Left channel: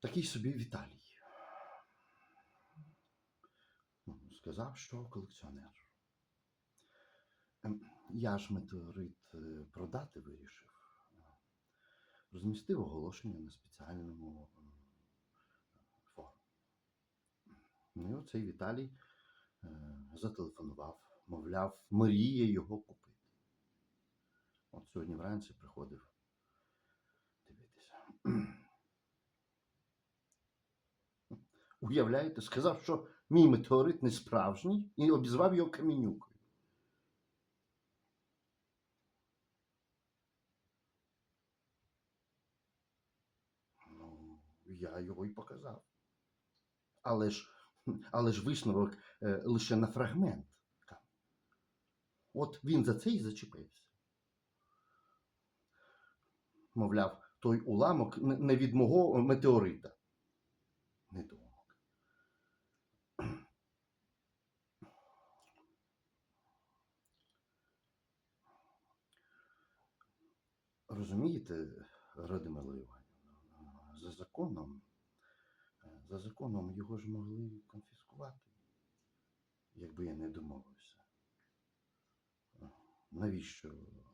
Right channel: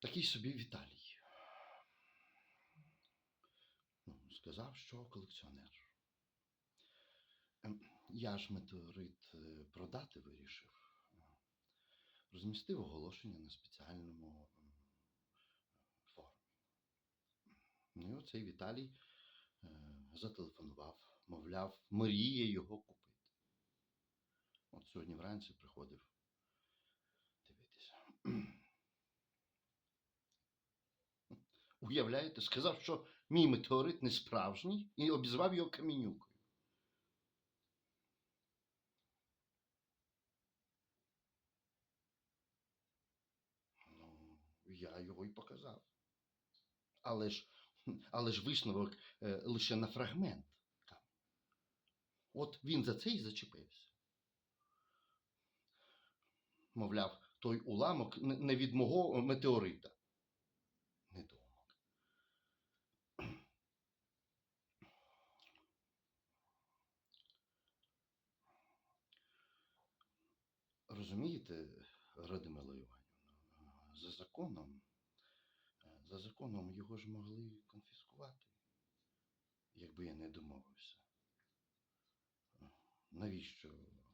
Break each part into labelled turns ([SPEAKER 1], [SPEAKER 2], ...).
[SPEAKER 1] Такий собі Віталій. Ну, Сказав, що колекціонер. Ем, Я ж метеорит е, продати вирішив. Розмістив оголошення на спеціальному форумі. Ну і оцей Віталій е, зателефонував, мовляв, мріє його купити. От сьогодні вранці приходив Уявляєте, сказав, що мій метеорит не справжній і обізвав його камінюкою. Ну, я його і показав. Але ж, але ж висновок е, лише на фрагмент. каменю. От він за це і зачепився. Мовляв, той уламок не від мого метеорита. Розумієте, Радимила Іванівна, за законом, за законом його ж могли конфіскувати, якби я не домовився. Навіщо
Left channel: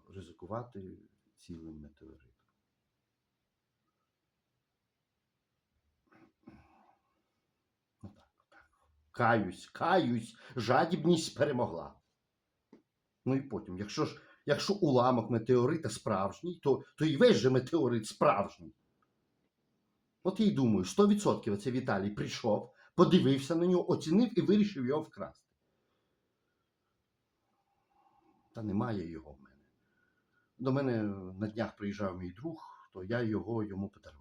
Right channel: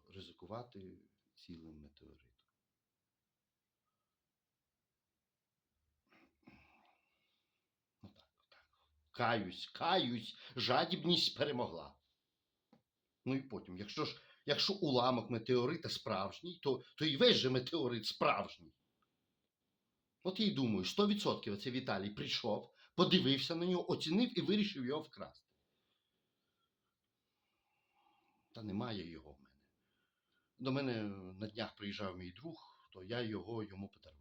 [SPEAKER 1] ризикувати цілим метеоритом? Ну так, так. Каюсь, каюсь, жадібність перемогла. Ну і потім, якщо ж якщо уламок метеорита справжній, то, то і весь же метеорит справжній. От я й думаю, 100% оце Віталій прийшов, подивився на нього, оцінив і вирішив його вкрасти. Та немає його в мене. До мене на днях приїжджав мій друг, то я його йому подарував.